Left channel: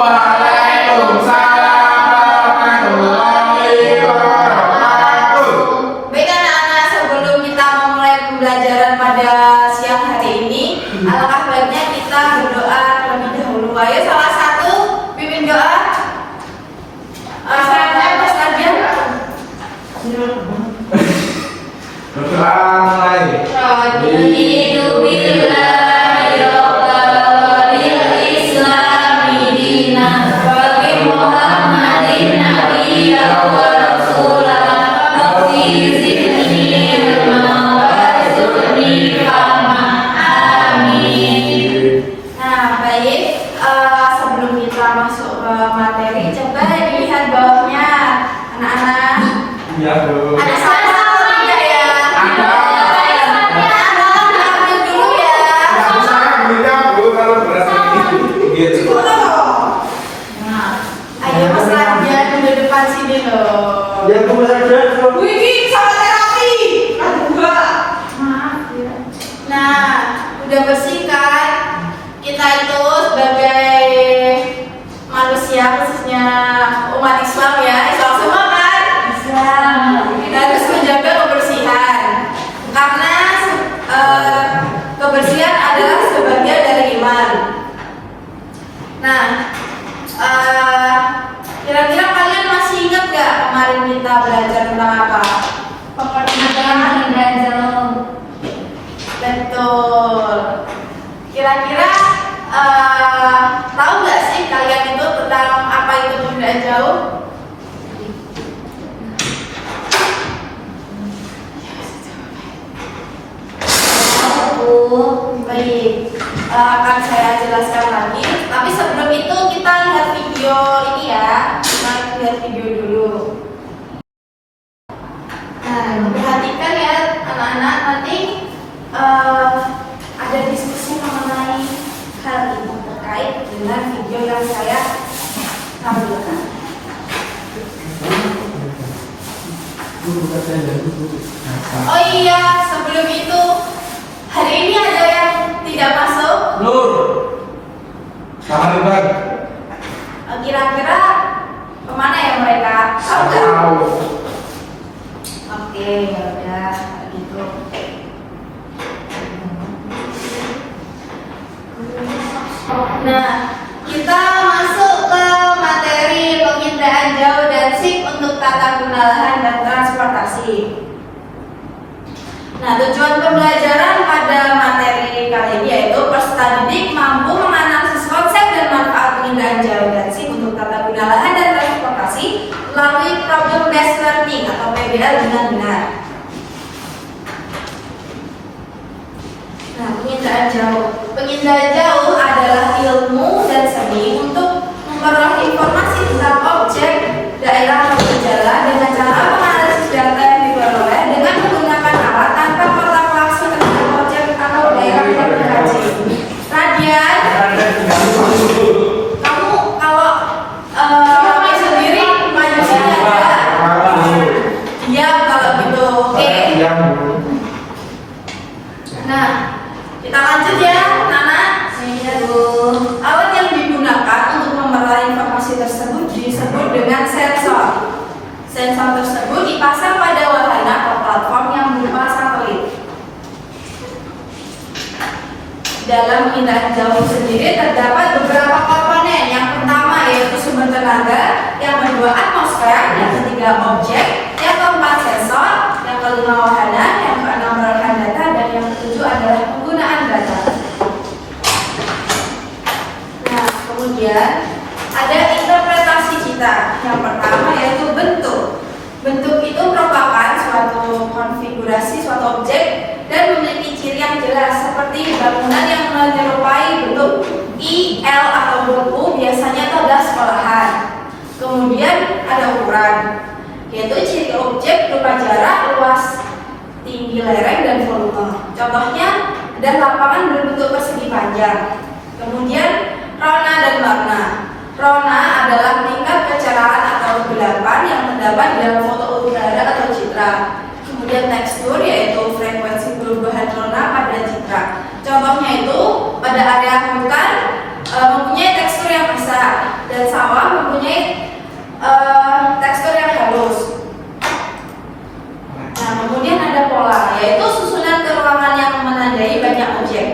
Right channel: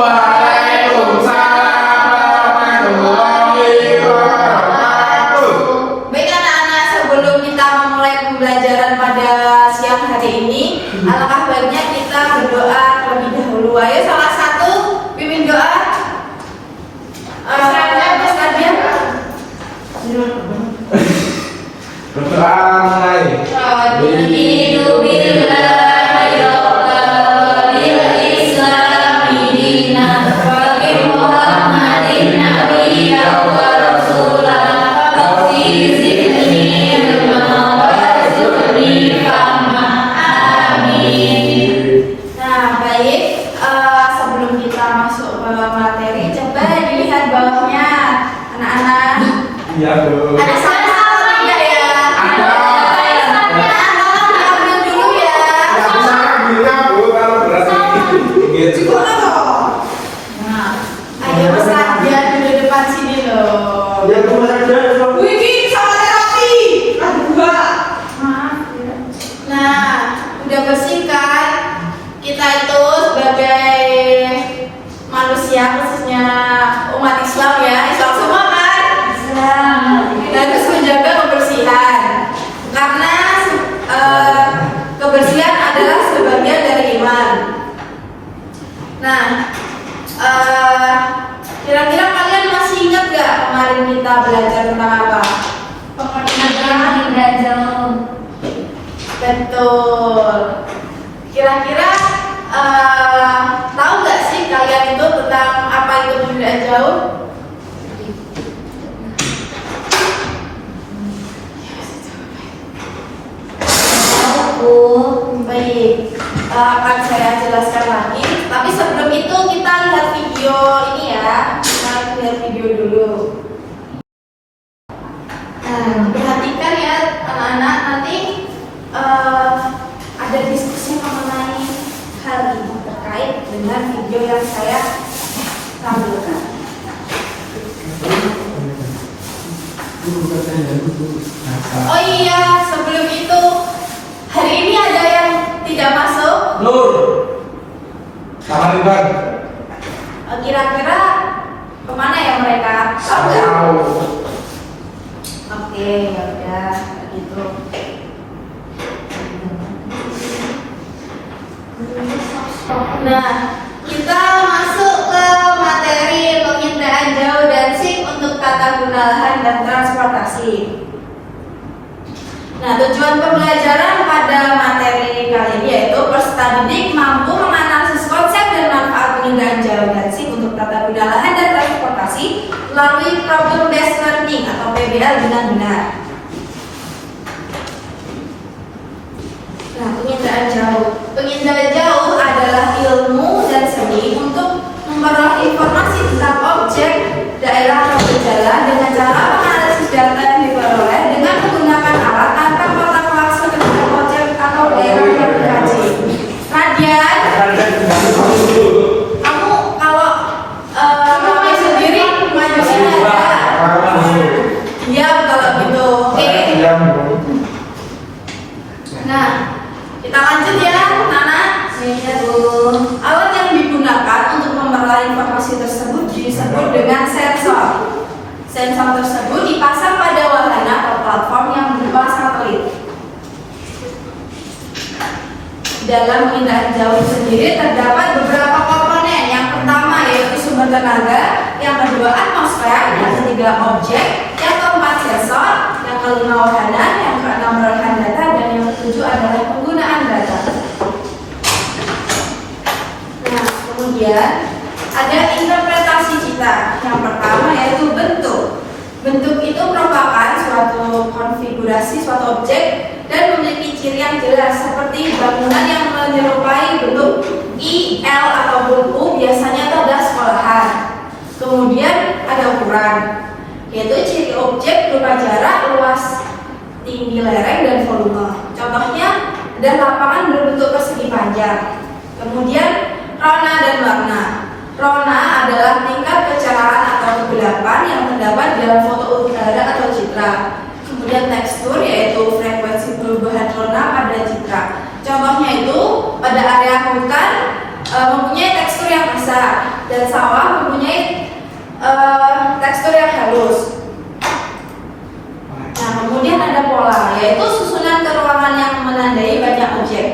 Waalaikumsalam warahmatullahi wabarakatuh. Baik anak-anak, sebelum kita memulai pembelajaran pada siang hari ini, alangkah baiknya kita berdoa terlebih dahulu. Ayo salah satu pimpin doa. Apa saja? Nah, baik. Sebelum kita masuk ke materi, coba dilihat bawahnya, anak-anak. Ya, Bu. Ada sampah ya? Ada. Ambil dulu ya. Nggak bisa ambilnya, Bu, kalau berat ini. Cukup loh. Ayo Mas Radian di depan sini loh. Yang belajar dong. Wih, sama terapi. Ada dua. Maaf. Nah, udah bersih kan? Kita itu sebagai manusia, khususnya umat Islam ya, Islam semua kan? Islam. Kita harus menjaga kebersihan, karena kebersihan adalah sebagian dari iman. Nah, kira-kira kalian masih ingat gak kemarin kita belajar tentang apa? Pemerintah indera jauh. Betul. Kira-kira tahu gak sih kalian itu tentang apa itu indera jauh? Baik, akan saya jelaskan lagi. Tapi sebelum itu kita lihat video ini ya. Kita lihat video dulu. Nah, perhatikan ya anak-anak, nanti ada diskusi mengenai hal ini terkait dengan video yang saya tampilkan. Oh iya, sebelum itu hari ini ada yang tidak masuk. Nur. Sama Ridwan. Kira-kira kemana ya mereka? Tahu nggak? Tahu. Oke, ya udah gitu. Nah, kita masuk ke materi penginderaan jauh dan SIP untuk tata guna lahan dan transportasi. Nah, tujuan pembelajaran pada materi kali ini yaitu peserta didik mampu menganalisis konsep dan manfaat penginderaan jauh dan SIP untuk tata guna lahan dan transportasi melalui problem based learning atau PBL dengan benar. Nah, penginderaan jauh. Penginderaan jauh adalah ilmu dan seni untuk memperoleh informasi tentang objek, daerah atau gejala dengan cara menganalisis data yang diperoleh dengan menggunakan alat tanpa kontak langsung dengan objek atau daerah yang dikaji. Radian, kamu kalau main sendiri maju sini aja. Iya, kalau gitu. Oke. Nah, kita lanjut ya, Nana. Iya, Bu. Alat yang digunakan untuk memperoleh informasi tersebut disebut dengan sensor. Sensor tersebut dipasang pada wahana atau platform yang berupa satelit. Dalam penginderaan jauh sendiri terdapat beberapa komponen. Yang pertama yaitu sumber tenaga, yang kedua atmosfer, yang ketiga objek, yang keempat sensor, yang kelima wahana, yang keenam perolehan data, dan yang ketujuh adalah penggunaan data. Nah, kemudian ada interpretasi cita. Yang pertama yaitu bentuk. Bentuk itu merupakan suatu konfigurasi suatu objek dan memiliki ciri yang jelas seperti bangunan yang menyerupai bentuk I, L ataupun U biasanya itu adalah sekolahan. Kemudian ada ukuran, yaitu ciri objek berupa jarak, luas, tinggi lereng dan volume. Contohnya ada lapangan berbentuk persegi panjang. Kemudian rona dan warna. Rona adalah tingkat kecerahan atau kegelapan yang terdapat dalam foto udara atau citra. Kemudian tekstur yaitu frekuensi perubahan rona pada citra. Contohnya itu pada area hutan mempunyai tekstur yang kasar dan sawah mempunyai tekstur yang halus. Nah, kemudian ada pola, yaitu susunan keruangan yang menandai banyak objek,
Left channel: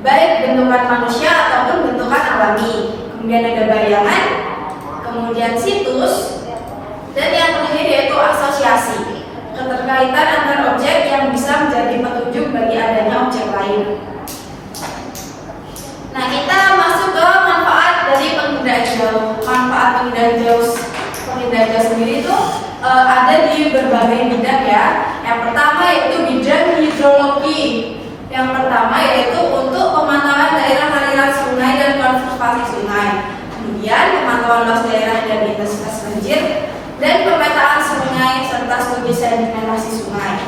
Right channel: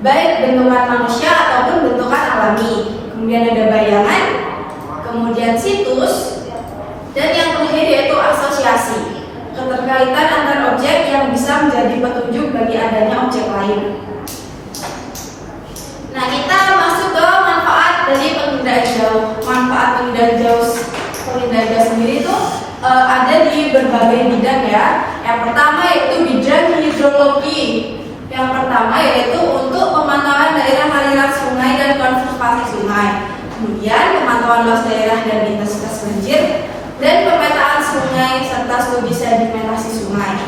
baik bentukan manusia ataupun bentukan alami. Kemudian ada bayangan, kemudian situs, dan yang terakhir yaitu asosiasi, keterkaitan antar objek yang bisa menjadi petunjuk bagi adanya objek lain. Nah, kita masuk ke manfaat dari penginderaan jauh. Manfaat penginderaan jauh sendiri itu ada di berbagai bidang ya. Yang pertama yaitu bidang hidrologi. Yang pertama yaitu untuk pemantauan daerah aliran sungai dan konservasi sungai. Kemudian pemantauan luas daerah dan intensitas banjir dan pemetaan sungai serta studi sedimentasi sungai.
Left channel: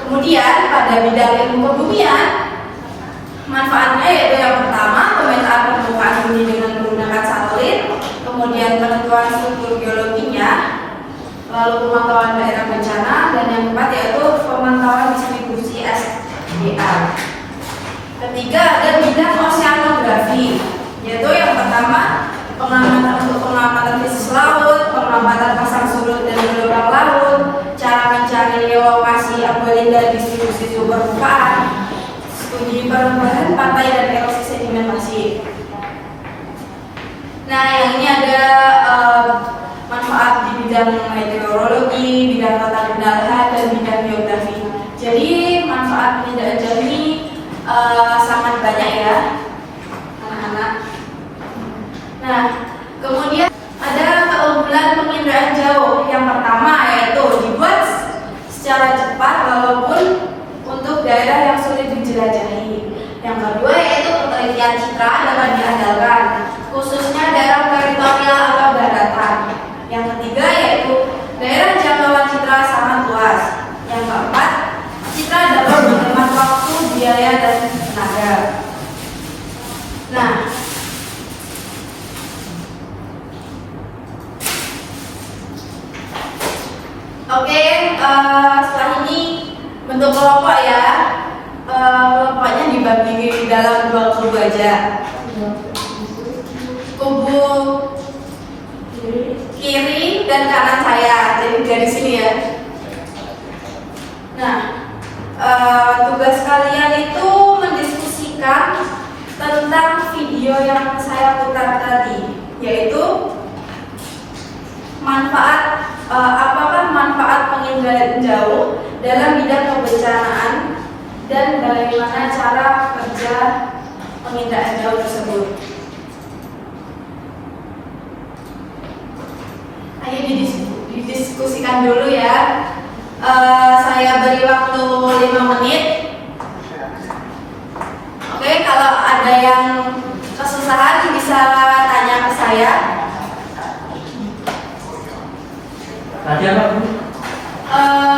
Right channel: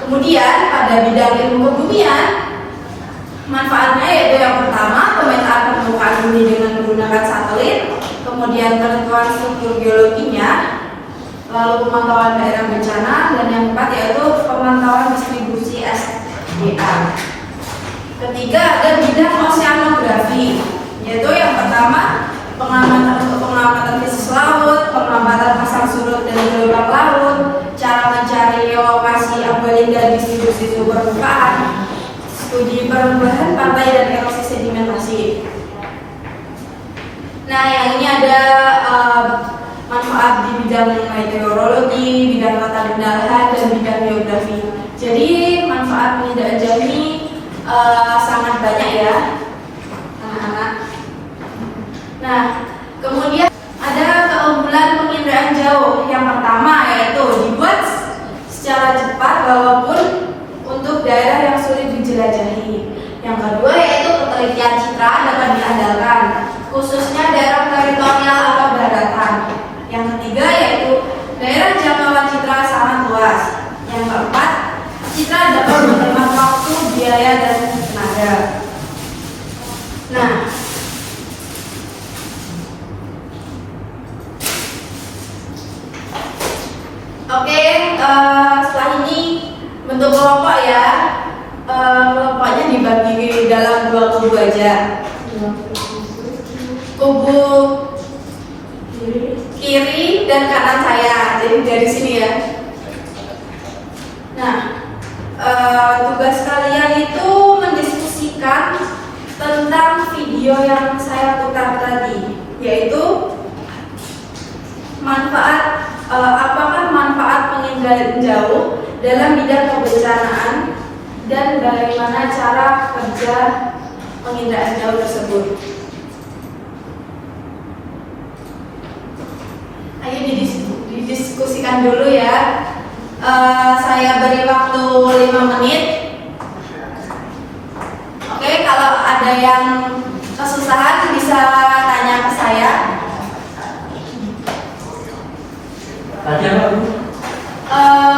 Kemudian pada bidang ilmu kebumian, manfaatnya yaitu yang pertama pemetaan permukaan bumi dengan menggunakan satelit, kemudian penentuan struktur geologinya, lalu pemantauan daerah bencana, dan yang keempat yaitu pemantauan distribusi SDA. Ketiga ada bidang oceanografi, yaitu yang pertama pengamatan fisik laut, pengamatan pasang surut dan gelombang laut, cara mencari lokasi ambalian dan distribusi sumber permukaan, studi perubahan pantai dan erosi sedimentasi. Nah, yang ini ada manfaat di bidang meteorologi, bidang tata benda lahan, dan bidang geografi. Jadi manfaat penginderaan jauh ini sangat banyak ya, anak-anak. Nah, kemudian ada keunggulan penginderaan jauh. Yang pertama yaitu dibuat secara cepat walaupun untuk daerah yang sulit dijelajahi. Yang kedua yaitu penelitian citra dapat diandalkan, khususnya daerah teritorial atau daratan. Yang ketiga yaitu daerah jangkauan citra sangat luas. Yang keempat, citra dapat menghemat waktu, biaya, dan tenaga. Nah, oke, setelah ini bentuk kelompok ya. Kelompoknya dibagi dalam 2 kubu aja. Kubu kiri dan kanan saya, jadi dari sini ya. Nah, tugas kalian itu mendiskusikan tentang video yang saya putar tadi, yaitu apakah manfaat penginderaan jauh dalam bidang kebencanaan dan bagaimana cara kerja penginderaan jauh tersebut. Ayo didiskusikan dulu ya. Saya beri waktu 5 menit. Oke, kalau ada yang kesusahan bisa tanya ke saya. Tadi apa, Bu?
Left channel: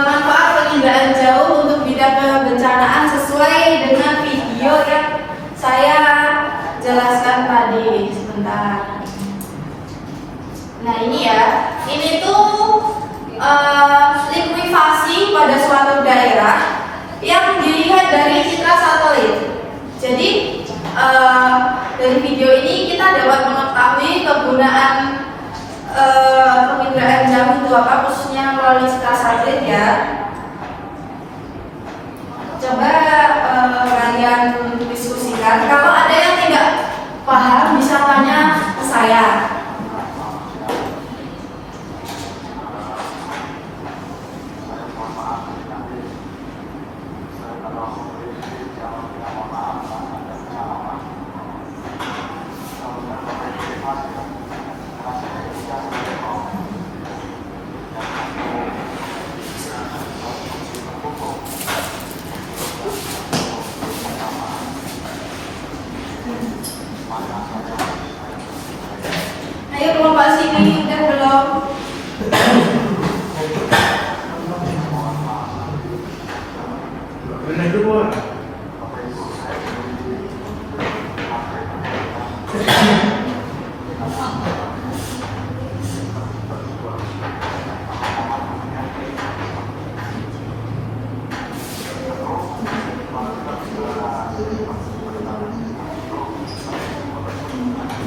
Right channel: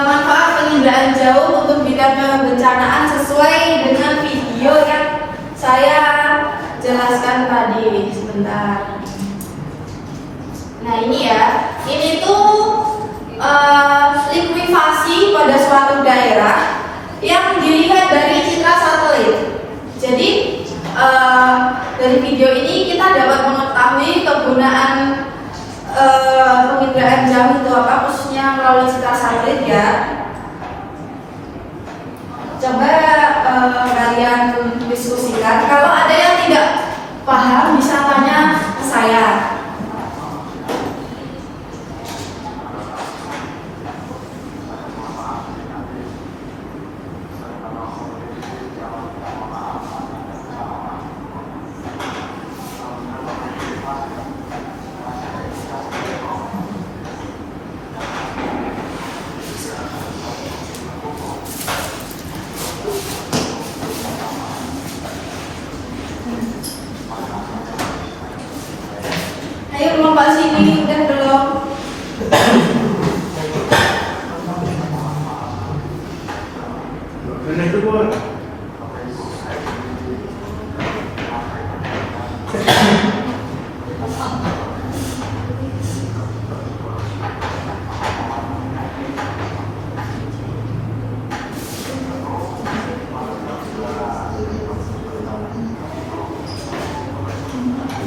Manfaat penginderaan jauh untuk bidang kebencanaan sesuai dengan video yang saya jelaskan tadi. Sebentar. Nah, ini ya. Ini tuh likuifasi pada suatu daerah yang dilihat dari citra satelit. Jadi dari video ini kita dapat mengetahui kegunaan penginderaan jauh itu apa, khususnya melalui citra satelit ya. Coba kalian diskusikan. Kalau ada yang tidak paham bisa tanya ke saya. Ayo kelompok sini, udah belum? Bener dulu.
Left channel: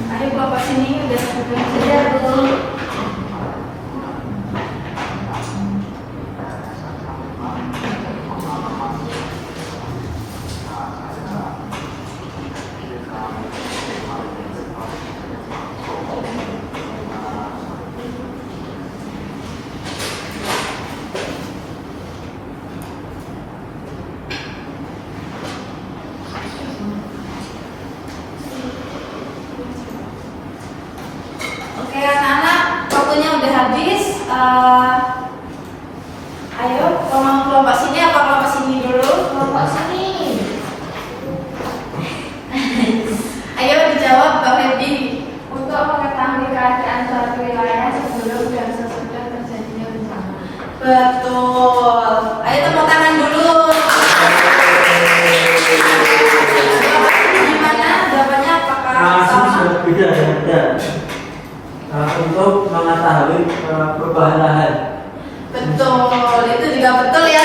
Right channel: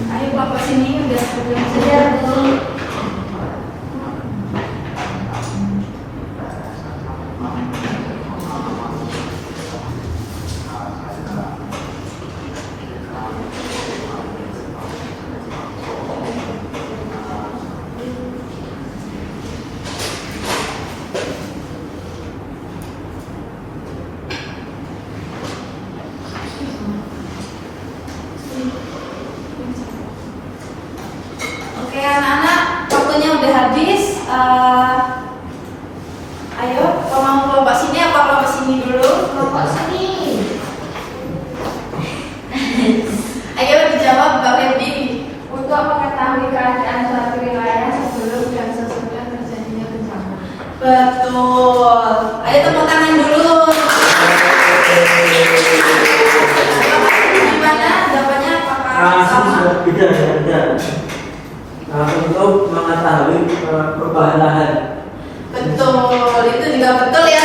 Ayo kelompok sini udah Sudah betul. Oke anak-anak, waktunya udah habis. Ayo, tolong kelompok sini apa kelompok sini dulu? Bapak sini. Ayo dijawab Mbak Febi. Untuk mengetahui keadaan suatu wilayah sebelum dan sesudah terjadinya bencana. Betul. Ayo tepuk tangan dulu. Gimana jawabannya? Apakah sama? Sudah beda ya. Untuk mengetahui perubahan lahan. Betul, itu juga betul ya.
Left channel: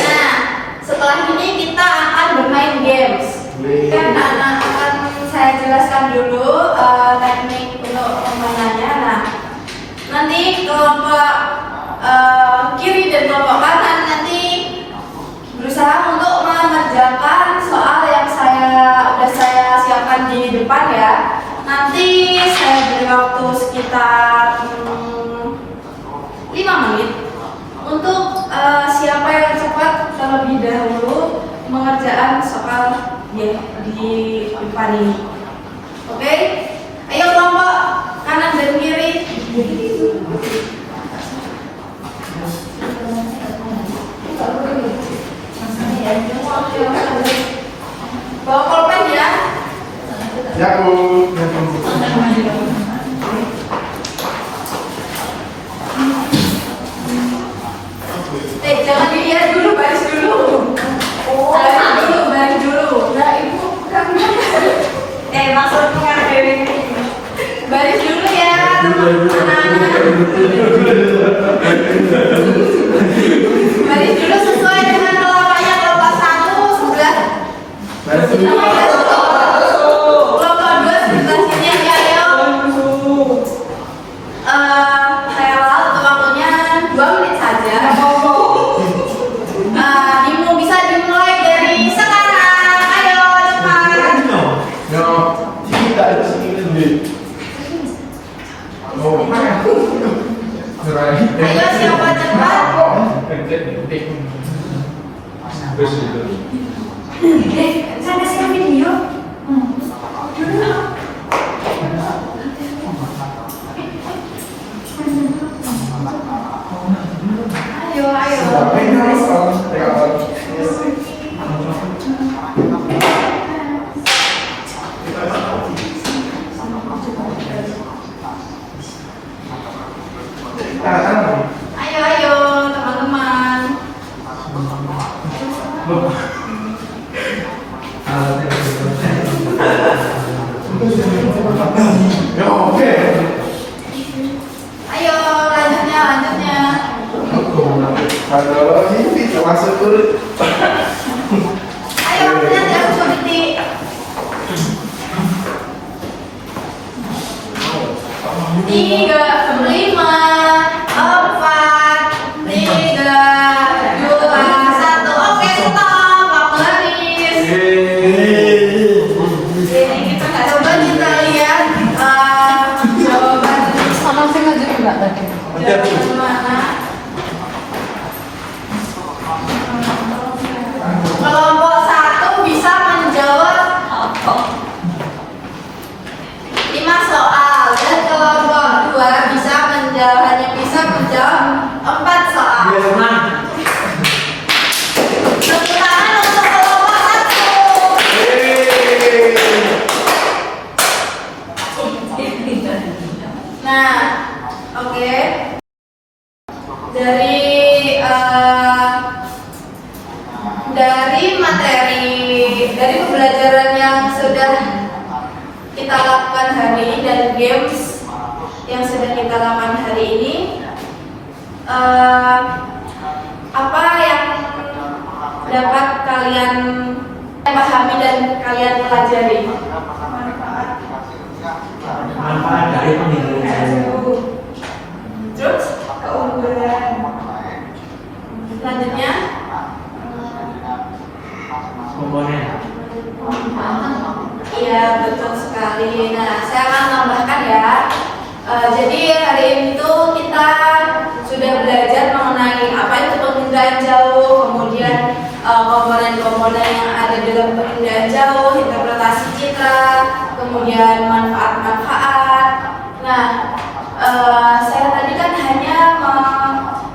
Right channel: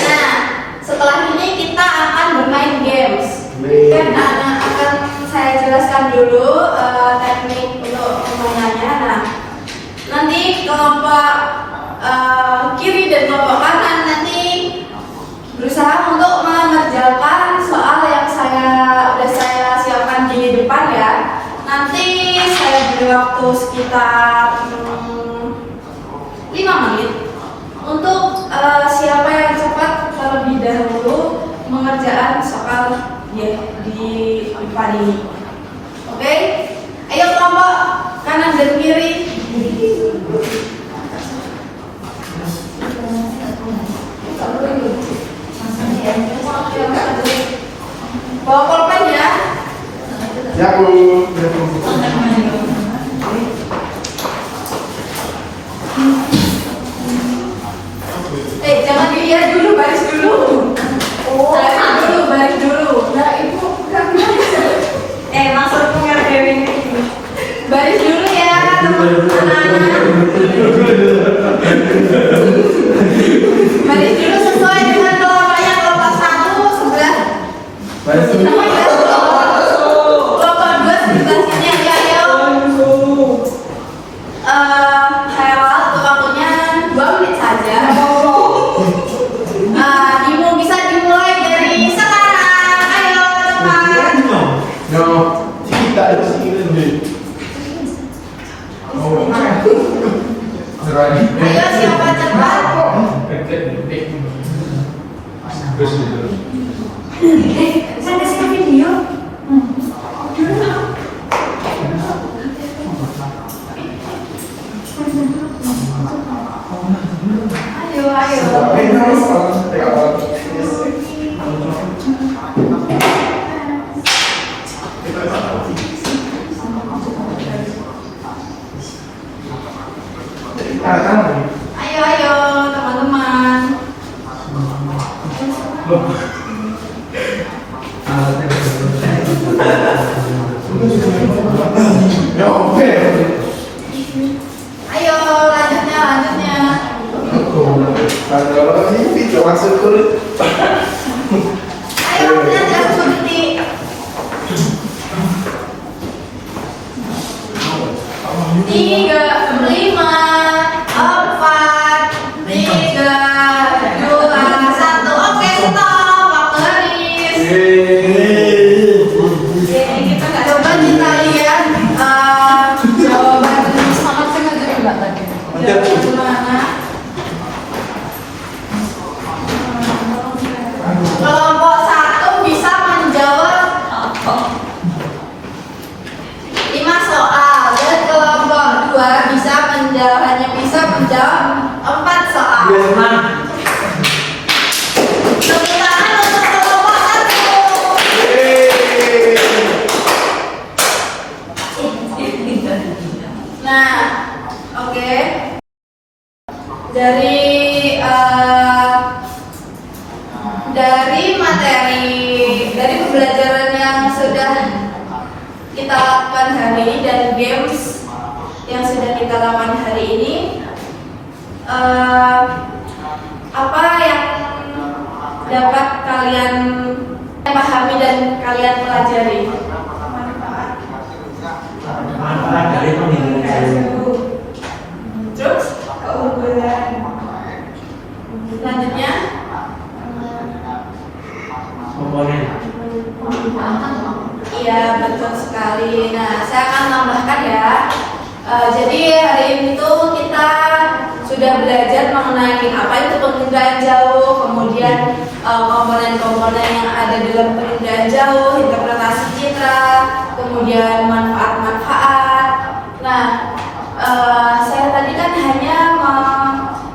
Nah, setelah ini kita akan bermain games. Dan anak akan saya jelaskan dulu teknik untuk permainannya. Nah, nanti kelompok kiri dan kelompok kanan nanti berusaha untuk mengerjakan soal yang udah saya siapkan di depan ya. Nanti saya beri waktu sekitar 5 menit untuk siapa yang cepat terlebih dahulu mengerjakan soal ya di depan ini. Oke? Ayo kelompok kanan dan kiri. Bawa pulpen ya. Ya Bu. Jangan dilihat dulu, baris dulu. Baris dulu, baris dulu. Nah, ibu kan. Maksudnya kayak gini. Baris dulu ya, anak-anak. Baris dulu sesuai dengan kelompoknya. Kelompok 1 sebelah sini ya. Kelompok 2 sebelah sini aja ya. Saya untuk waktunya 2 menit saja. Bisa dimulai dari sekarang. Ayo cepat. Nggak mau cerita di sini sendiri. Oh, Ayo siapa cepat? Saya siap video. Ayo. Ayo teman-teman. Ya oke. Ayo lanjutnya. Kalau ini jangan sekali. Ayo nanti aku seperti 3, 5, 4, 3, 2, 1. Oke, stop. Waktu habis. Jadi kita nggak coba kita lihat jawaban gimana. Kelompok 1 bisa menjawab 5 soal dan kelompok 2 hanya bisa menjawab 4 soal. Dia senang. Tepuk tangan untuk kelompok 1. Nah, oke. Dari pembelajaran yang sudah kita lakukan hari ini dan games yang sudah kita lakukan hari ini, apa yang dapat kalian pahami dan kalian pelajari? Manfaat. target peningkatan. Terus keunggulan. selanjutnya Komponen. iya betul sekali. Nah saya akan tambahkan ya. Jadi hari ini tuh kita sudah belajar mengenai apa itu penginderaan jauh, kemudian komponen-komponen yang ada dalam penginderaan jauh, interpretasi citra, kemudian manfaat-manfaat. Nah, saya tadi kan hanya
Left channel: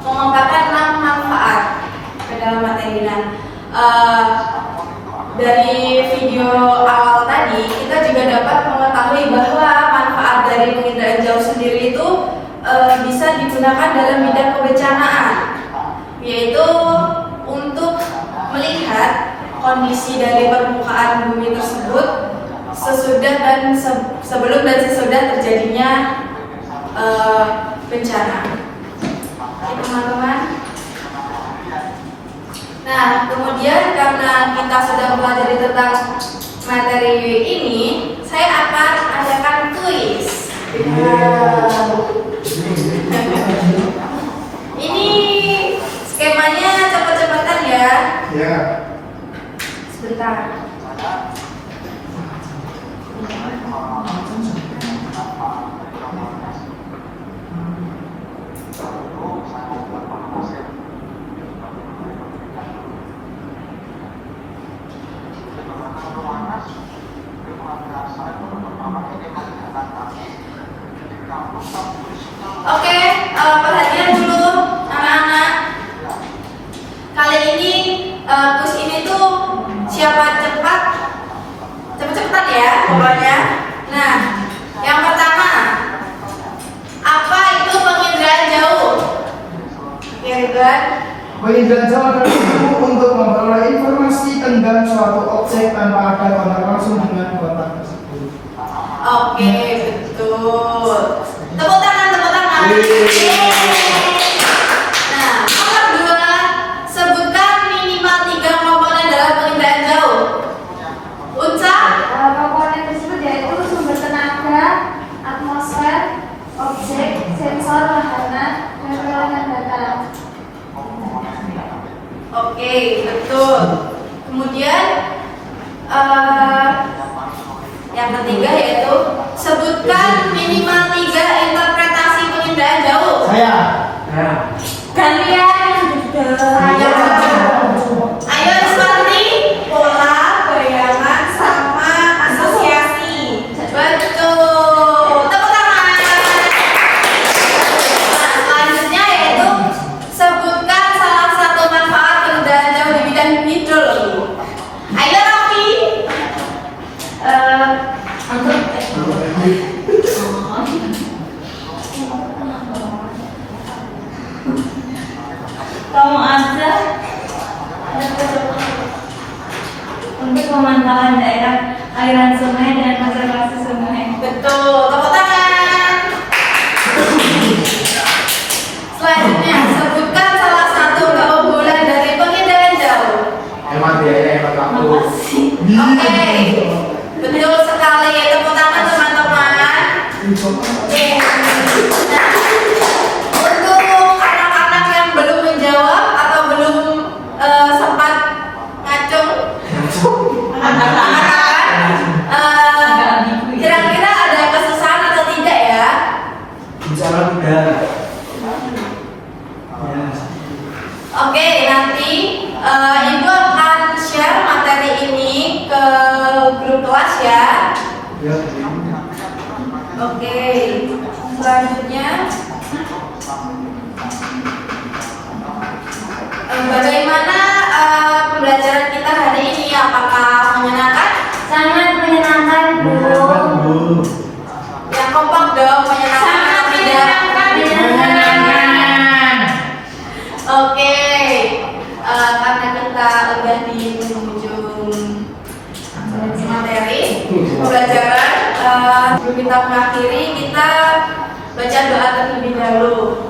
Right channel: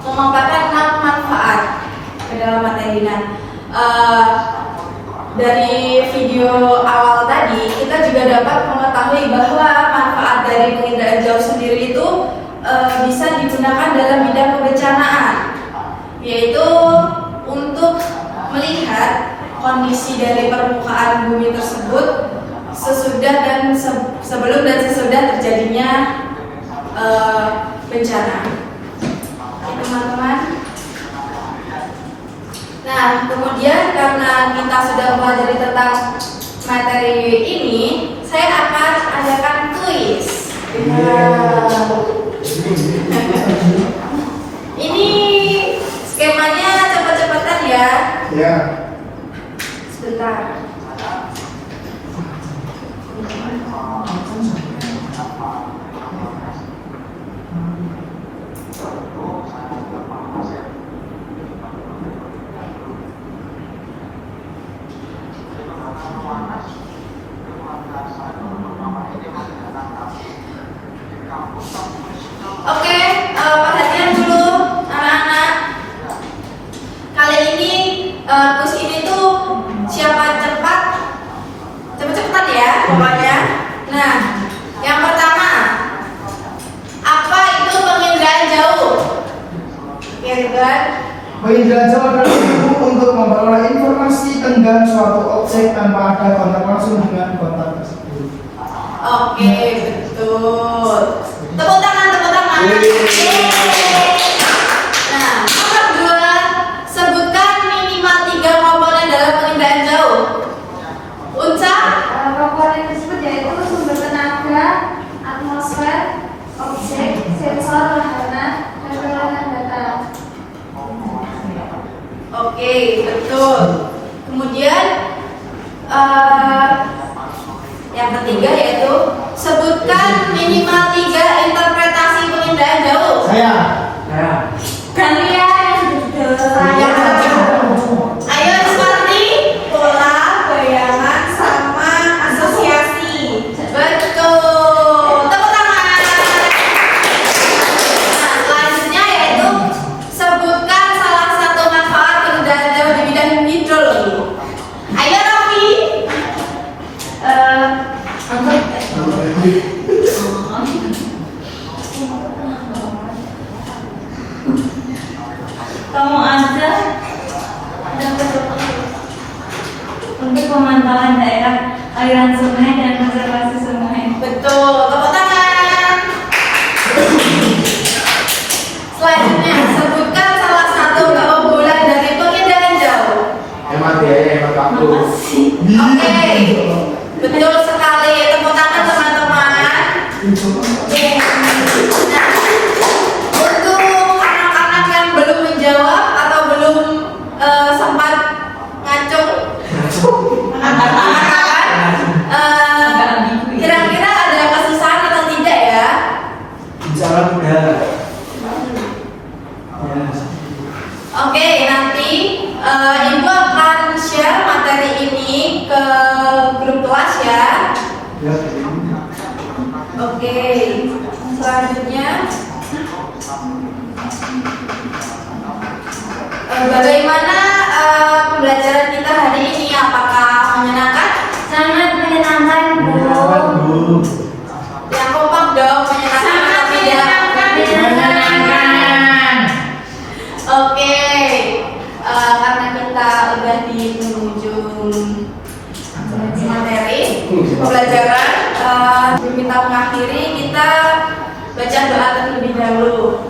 memaparkan 6 manfaat ke dalam materi. Dari video awal tadi kita juga dapat mengetahui bahwa manfaat dari penginderaan jauh sendiri itu bisa digunakan dalam bidang kebencanaan, yaitu untuk melihat kondisi dari permukaan bumi tersebut sesudah dan sebelum dan sesudah terjadinya bencana. Teman-teman. Nah, kemudian karena kita sudah mempelajari tentang materi ini, saya akan adakan kuis. Ini skemanya cepet-cepetan ya. Ya. Sebentar. Oke, perhatian dulu anak-anak. Kali ini kuis ini tuh siapa cepat, cepet-cepetan ya pokoknya. Nah, yang pertama, apa itu penginderaan jauh? Ya, Ridwan. Penginderaan jauh adalah ilmu untuk memperoleh informasi tentang suatu objek tanpa ada kontak langsung dengan kontak tersebut. Oke, betul. Tepuk tangan, tepuk tangan. Nah, nomor 2, sebutkan minimal 3 komponen dalam penginderaan jauh. Unca? Komponen tersebut yaitu sumber tenaga, atmosfer, objek, sensor, wahana, dan perolehan data. Oke, betul. Kemudian yang ketiga yaitu sebutkan minimal 3 interpretasi penginderaan jauh. Saya. Kalian ayo seperti pola, bayangan, sama asosiasi. Betul. Tepuk tangan. Nah, selanjutnya yaitu sebutkan salah satu manfaat penginderaan jauh di bidang hidrologi. Ayo Rofi. Kamu ada untuk pemantauan daerah aliran sungai dan konservasi sungai. Betul. Tepuk tangan. Selanjutnya sebutkan salah satu keunggulan dari penginderaan jauh. Emang biayanya yang waktu. Oke, betul sekali. Tepuk tangan teman-teman. Oke. Nah, untuk anak-anak yang belum menjawab atau belum sempat ngacung, kira-kira ada kesusahan atau tidak ya? Jalan udah. Oke, nanti Ibu akan share materi ini ke grup kelas ya. Oke, selanjutnya bagaimana pembelajaran kita hari ini? Apakah menyenangkan? Sangat menyenangkan, Bu. Yang kompak dong, menyenangkan atau tidak? Menyenangkan. Oke, karena kita udah di penghujung materi pembelajaran, sebelum kita mengakhiri, kita baca doa terlebih dahulu.